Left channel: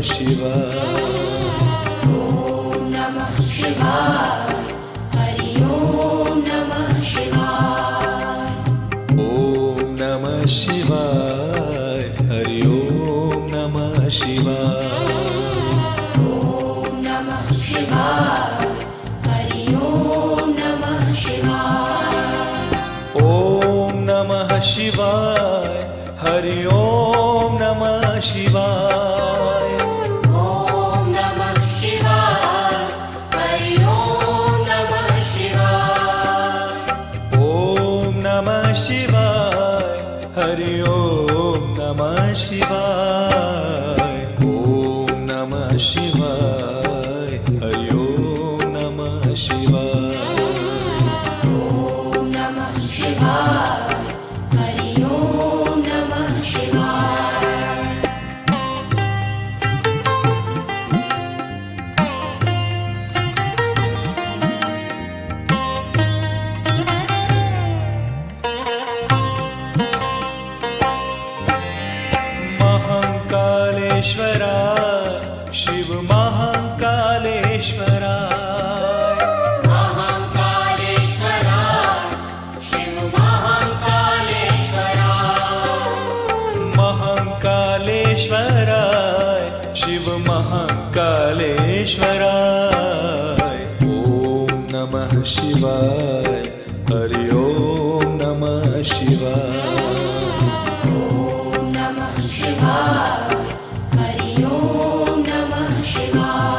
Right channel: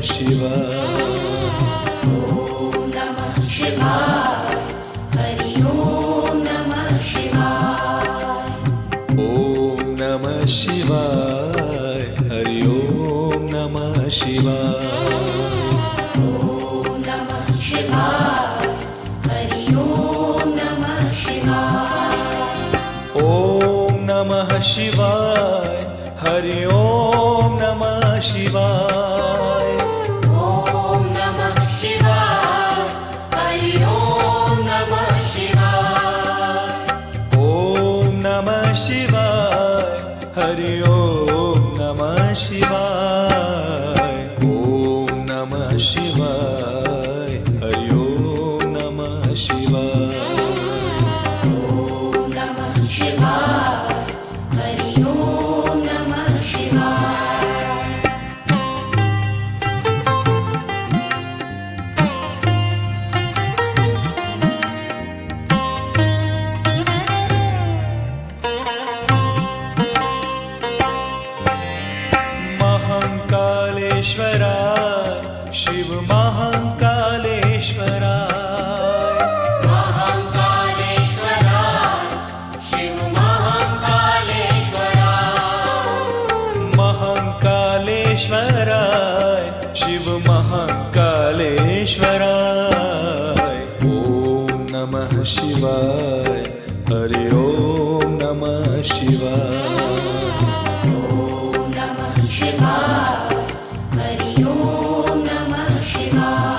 शिवाय। ॐ नमः शिवाय। हरि ॐ नमः शिवाय। ॐ नमः शिवाय। हरि ॐ नमः शिवाय। ॐ नमः शिवाय। हरि ॐ नमः शिवाय। ॐ नमः शिवाय। हरि ॐ नमः शिवाय। ॐ नमः शिवाय। हरि ॐ नमः शिवाय। ॐ नमः शिवाय। हरि ॐ नमः शिवाय। ॐ नमः शिवाय। हरि ॐ नमः शिवाय। ॐ नमः शिवाय। हरि ॐ नमः शिवाय। महाकालेश्वराय शिव महाकालेश्वराय। महाकालेश्वराय शिव महाकालेश्वराय। महाकालेश्वराय शिव महाकालेश्वराय। ॐ नमः शिवाय। हरि ॐ नमः शिवाय। ॐ नमः शिवाय। हरि ॐ नमः शिवाय।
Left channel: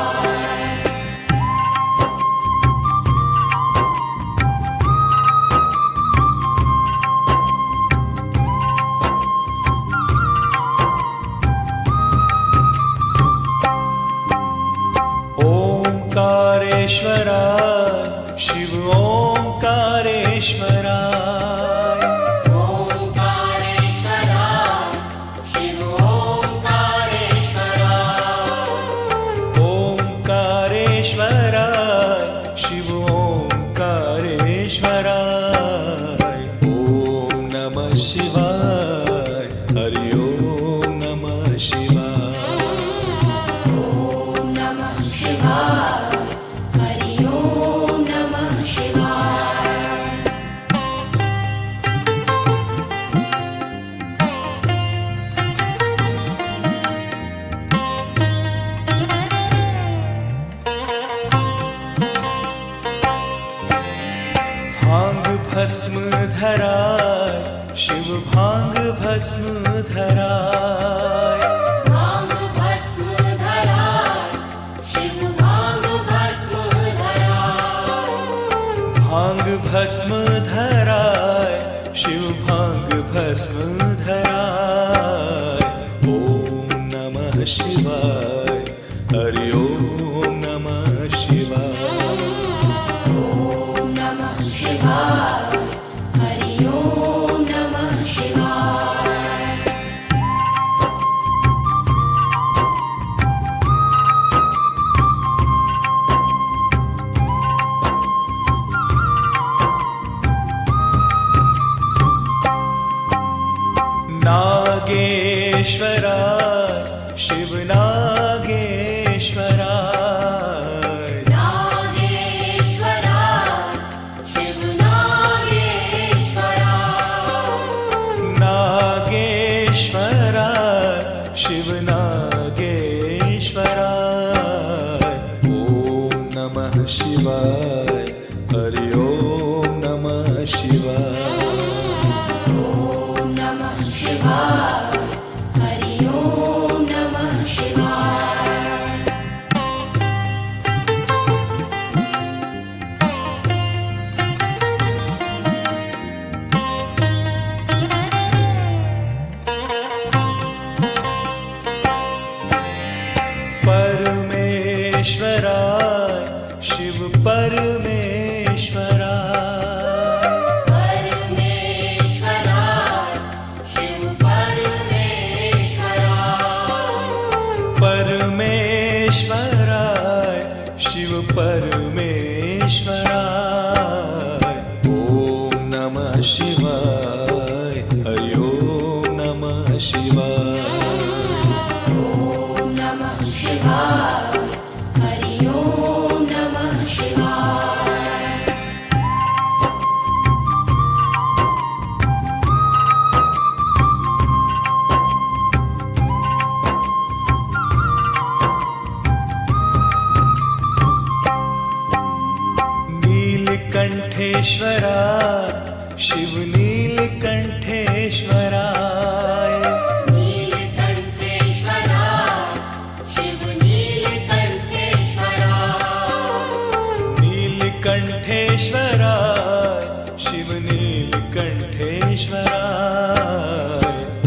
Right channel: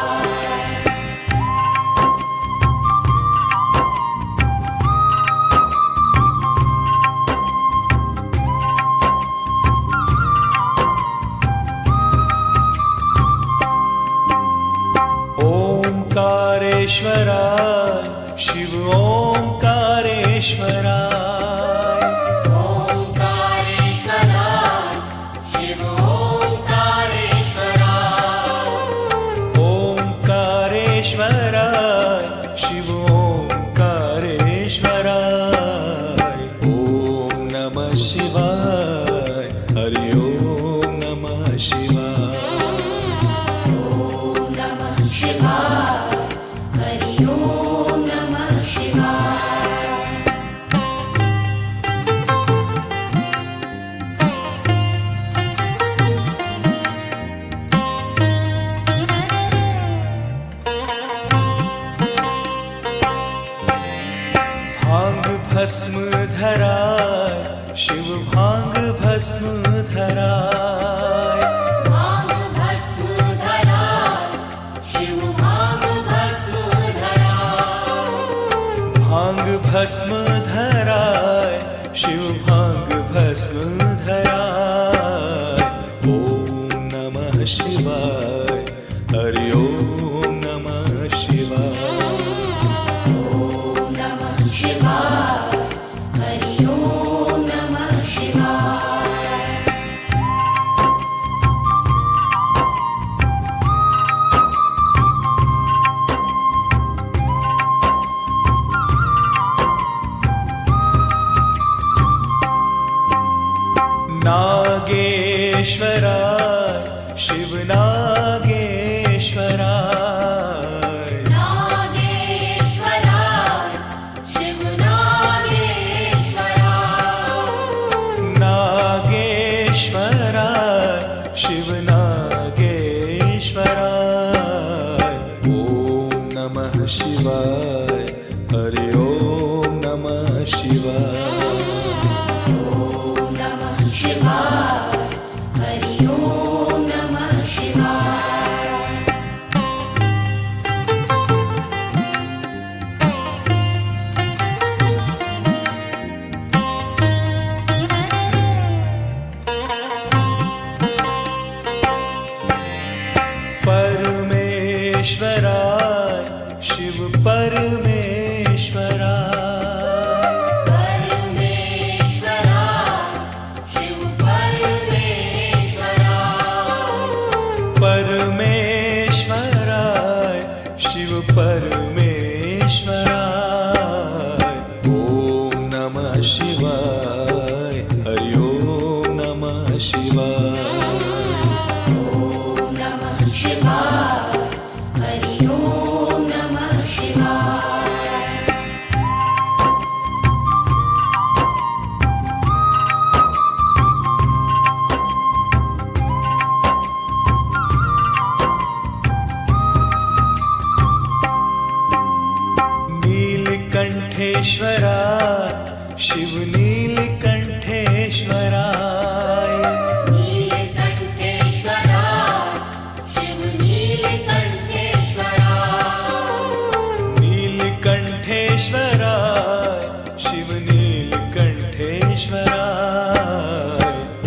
ओंकारेश्वराय शिव ओंकारेश्वराय। ओंकारेश्वराय शिव ओंकारेश्वराय। ओंकारेश्वराय शिव ओंकारेश्वराय। ॐ नमः शिवाय। हरि ॐ नमः शिवाय। ॐ नमः शिवाय। हरि ॐ नमः शिवाय। भांग भस्म धराय शिव भांग भस्म धराय। भांग भस्म धराय शिव भांग भस्म धराय। भांग भस्म धराय शिव भांग भस्म धराय। ॐ नमः शिवाय। हरि ॐ नमः शिवाय। ॐ नमः शिवाय। हरि ॐ नमः शिवाय। नागेश्वराय शिव नागेश्वराय। नागेश्वराय शिव नागेश्वराय। नागेश्वराय शिव नागेश्वराय। ॐ नमः शिवाय। हरि ॐ नमः शिवाय। ॐ नमः शिवाय। हरि ॐ नमः शिवाय। परमेश्वराय शिव परमेश्वराय। परमेश्वराय शिव परमेश्वराय। परमेश्वराय शिव परमेश्वराय। ॐ नमः शिवाय। हरि ॐ नमः शिवाय। ॐ नमः नीलकंठेश्वराय शिव नीलकंठेश्वराय नीलकंठेश्वराय शिव नीलकंठेश्वराय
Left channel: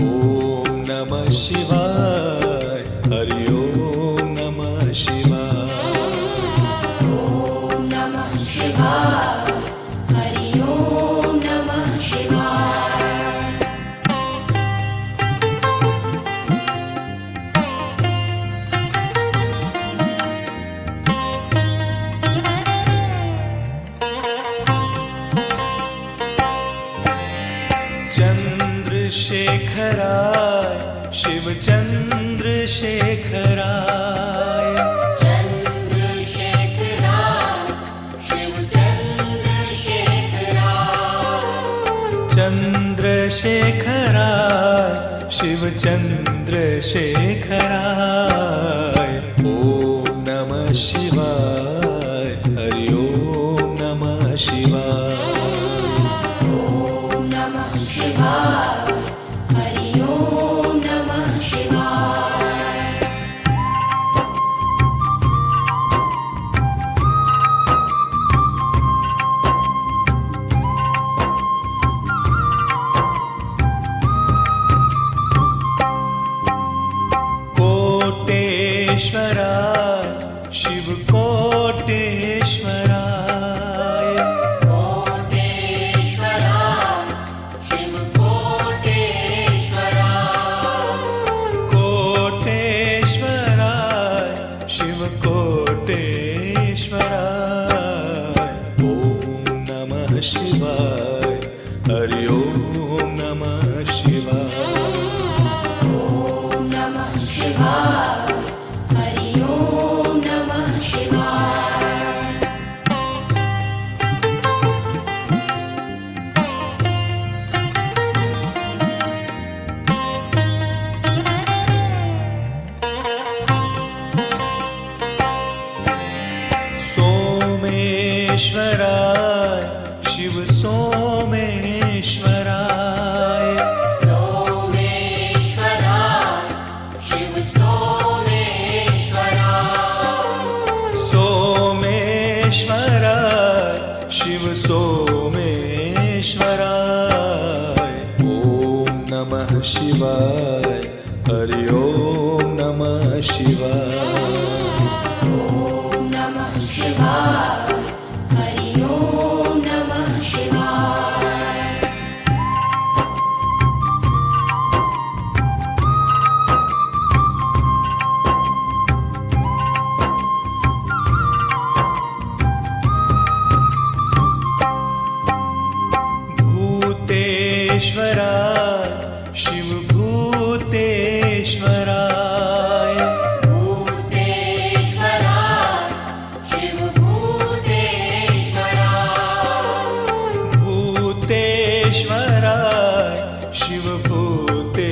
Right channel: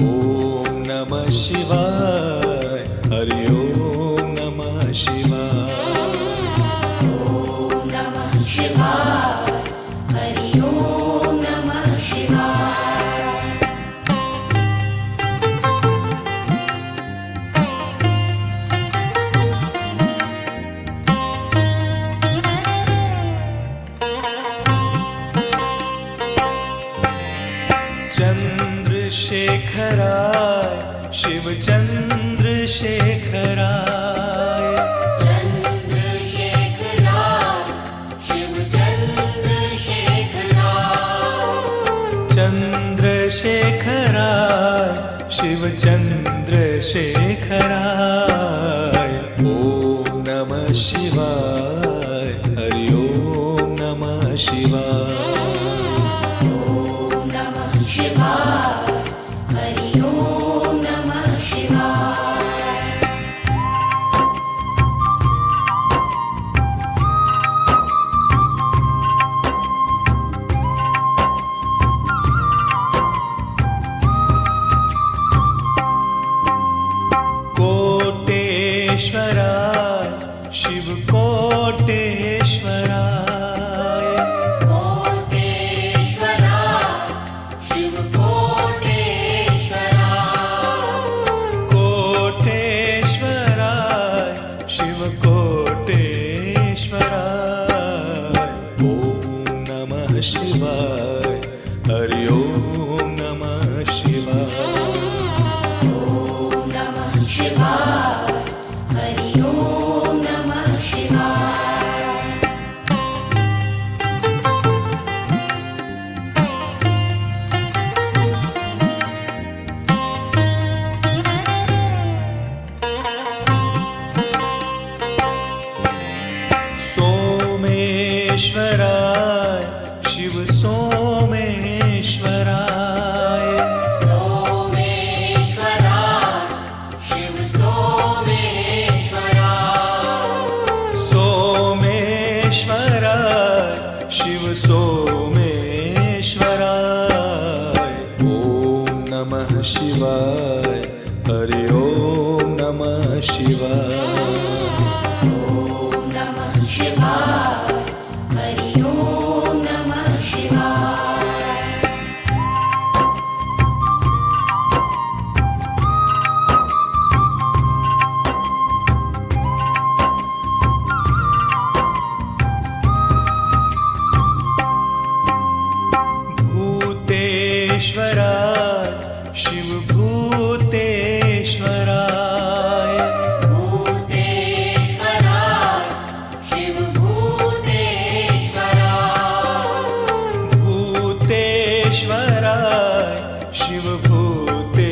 ॐ नमः शिवाय हरि ओम नमः शिवाय ॐ नमः शिवाय हरि ओम नमः शिवाय चंद्रशेखराय शिव चंद्रशेखराय चंद्रशेखराय शिव चंद्रशेखराय ॐ नमः शिवाय हरि ओम नमः शिवाय ॐ नमः शिवाय हरि ओम नमः शिवाय कोटेश्वराय शिव कोटेश्वराय कोटेश्वराय शिव कोटेश्वराय ॐ नमः शिवाय हरि ओम नमः शिवाय ॐ नमः शिवाय हरि ओम नमः शिवाय सोमेश्वराय शिव सोमेश्वराय सोमेश्वराय शिव सोमेश्वराय ॐ नमः शिवाय हरि ओम नमः शिवाय ॐ नमः शिवाय हरि ओम नमः शिवाय भूतेश्वराय शिव भूतेश्वराय भूतेश्वराय शिव भूतेश्वराय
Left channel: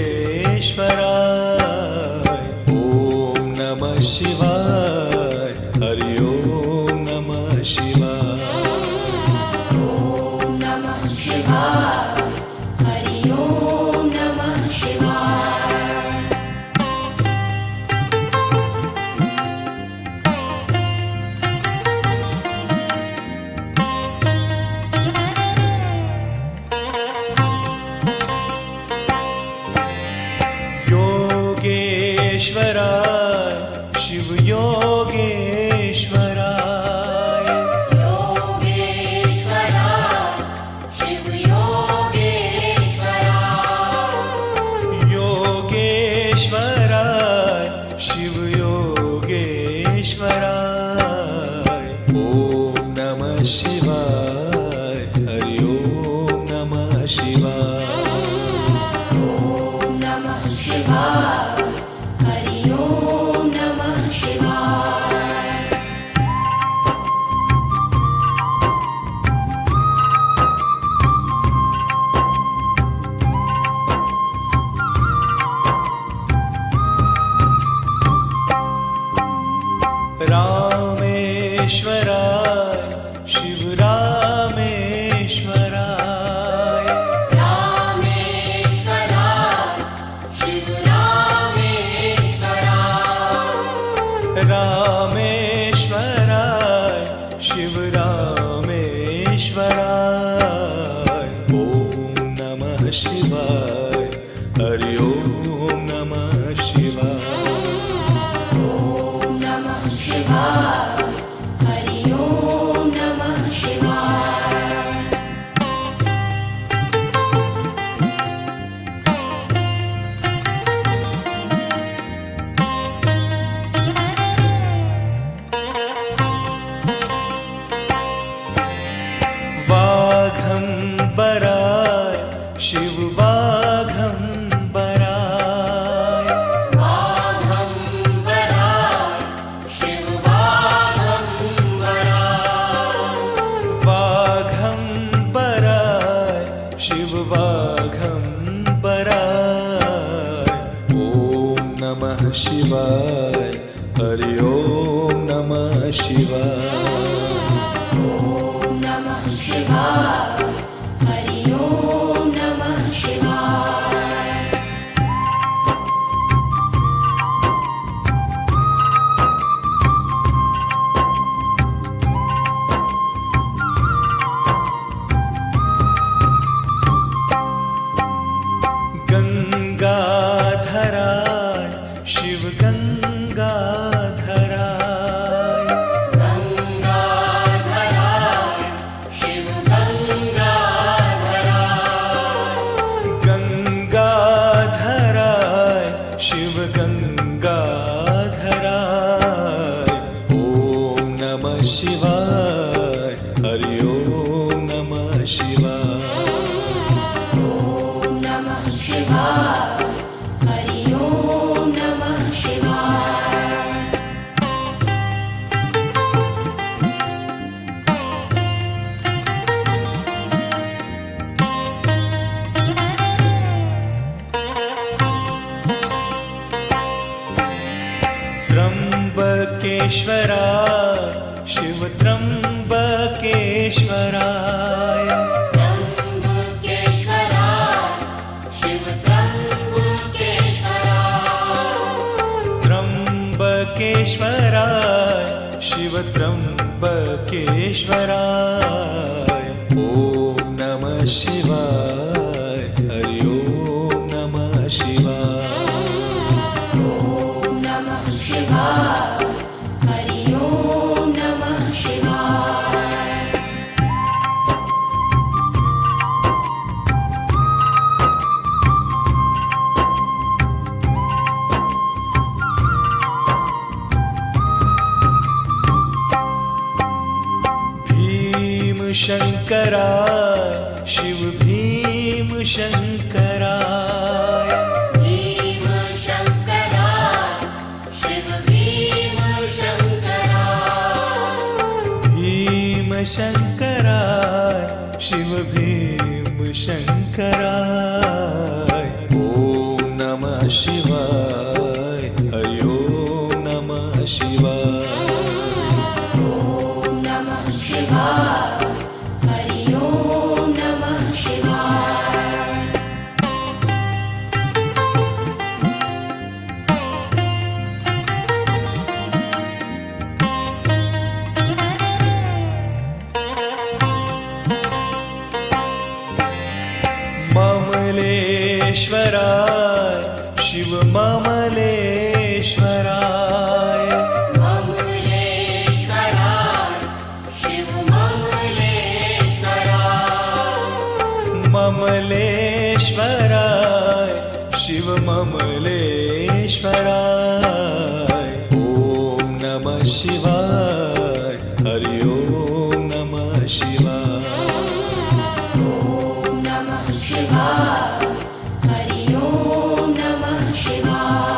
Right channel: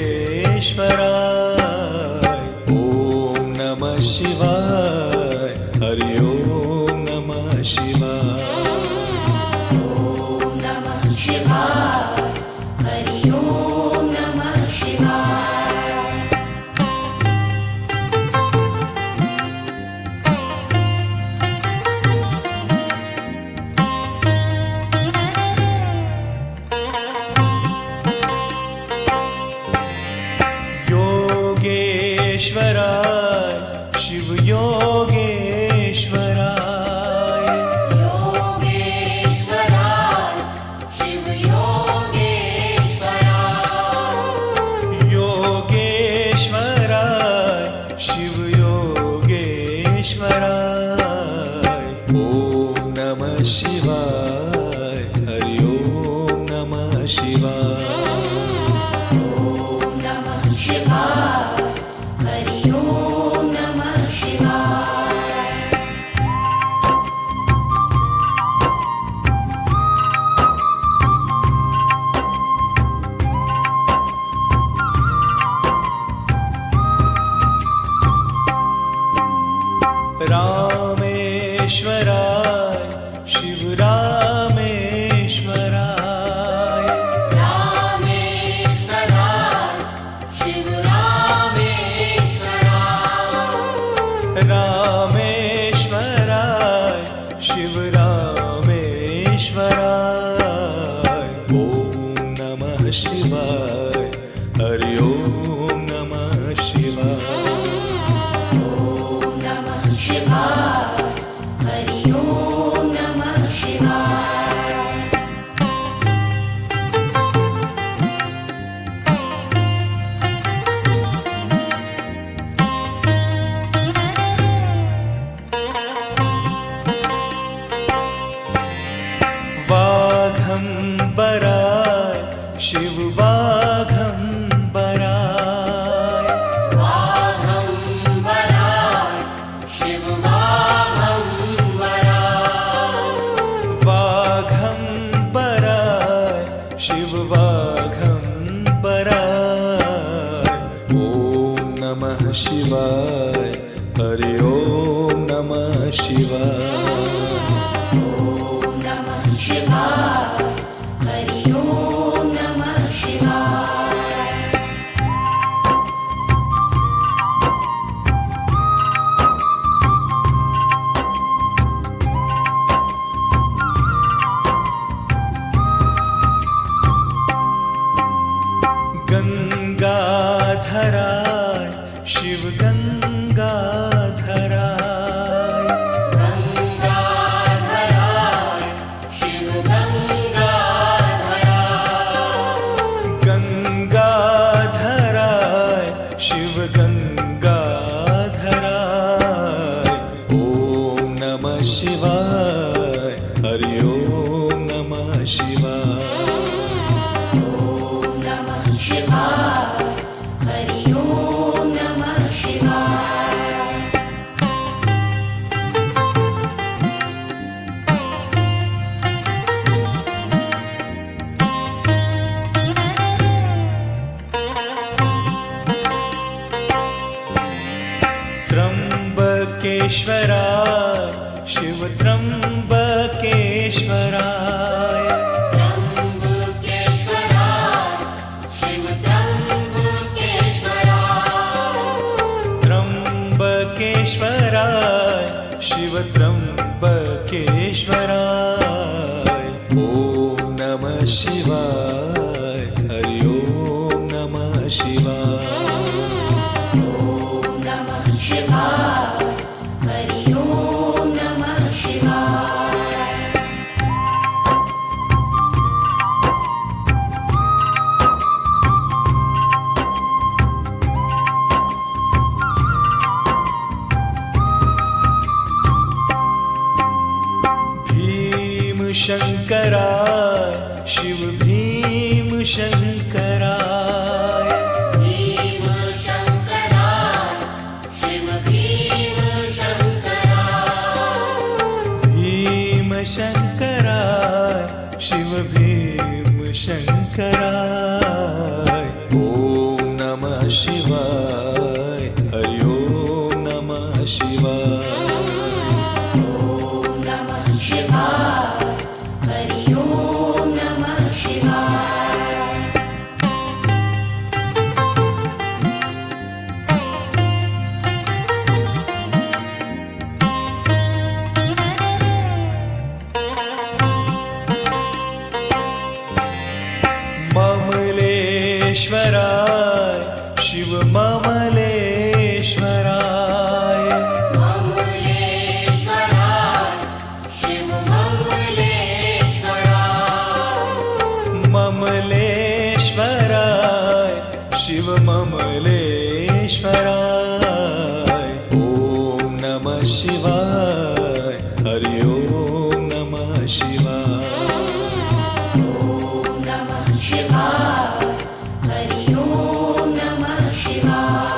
ॐ नमः शिवाय हरि ओम नमः शिवाय ॐ नमः शिवाय हरि ओम नमः शिवाय योगेश्वराय शिव योगेश्वराय योगेश्वराय शिव योगेश्वराय ॐ नमः शिवाय हरि ओम नमः शिवाय ॐ नमः शिवाय हरि ओम नमः शिवाय रामेश्वराय शिव रामेश्वराय रामेश्वराय शिव रामेश्वराय रामेश्वराय शिव रामेश्वराय ॐ नमः शिवाय हरि ओम नमः शिवाय ॐ नमः शिवाय हरि ओम नमः शिवाय वाघंबराय शिव वाघंबराय वाघंबराय शिव वाघंबराय वाघंबराय शिव वाघंबराय ॐ नमः शिवाय हरि ओम नमः शिवाय ॐ नमः शिवाय हरि ओम नमः शिवाय गंगाधराय शिव गंगाधराय गंगाधराय शिव गंगाधराय गंगाधराय शिव गंगाधराय ॐ नमः शिवाय हरि ओम नमः शिवाय ॐ नमः शिवाय हरि ओम नमः शिवाय त्र्यंबकेश्वराय शिव त्र्यंबकेश्वराय त्र्यंबकेश्वराय शिव त्र्यंबकेश्वराय त्र्यंबकेश्वराय शिव त्र्यंबकेश्वराय ॐ नमः शिवाय हरि ओम नमः शिवाय ॐ नमः शिवाय हरि ओम नमः शिवाय भीमशंकराय शिव भीमशंकराय भीमशंकराय शिव भीमशंकराय भीमशंकराय शिव भीमशंकराय ॐ नमः शिवाय हरि ओम नमः शिवाय ॐ नमः शिवाय हरि ओम नमः शिवाय ममलेश्वराय शिव ममलेश्वराय ममलेश्वराय शिव ममलेश्वराय ममलेश्वराय शिव ममलेश्वराय ॐ नमः शिवाय हरि ओम नमः शिवाय ॐ नमः शिवाय हरि ओम नमः शिवाय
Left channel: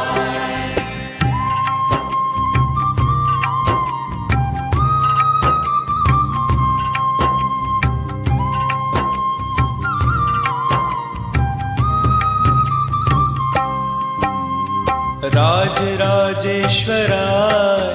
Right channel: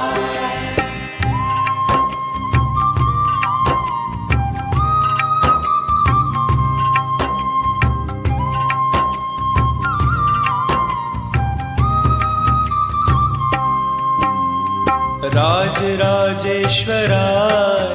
राजराजेश्वराय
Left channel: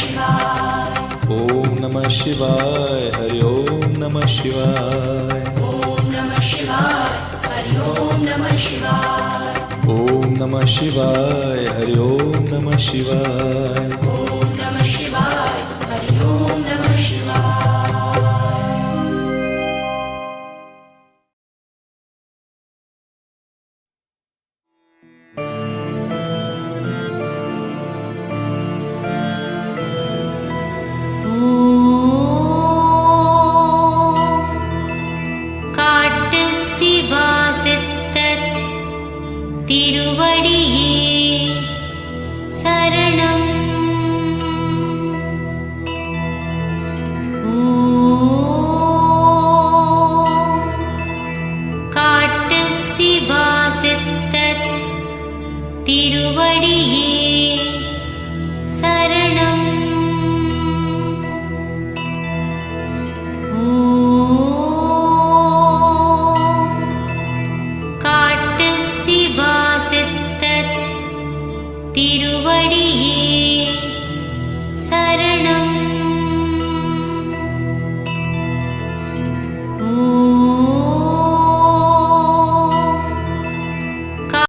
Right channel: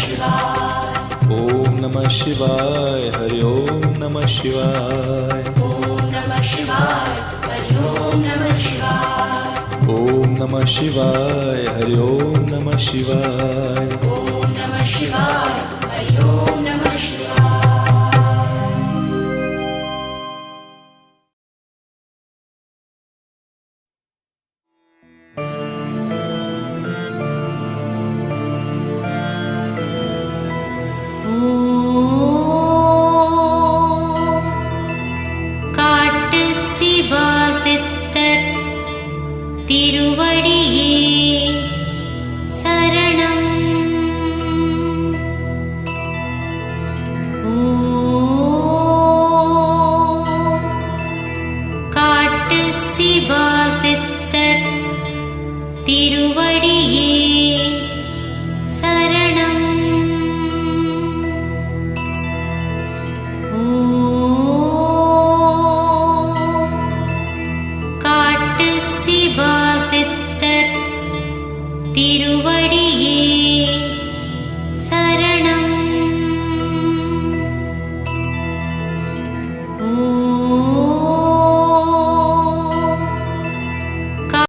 शिवाय ओम नमः शिवाय हरि ओम नमः शिवाय ओम नमः शिवाय हरि ओम नमः शिवाय ओम नमः शिवाय हरि ओम नमः शिवाय ओम नमः शिवाय हरि ओम नमः शिवाय காட்டு சிவா சித்தர் திருவடியே சரணம். காட்டு சிவா சித்தர் திருவடியே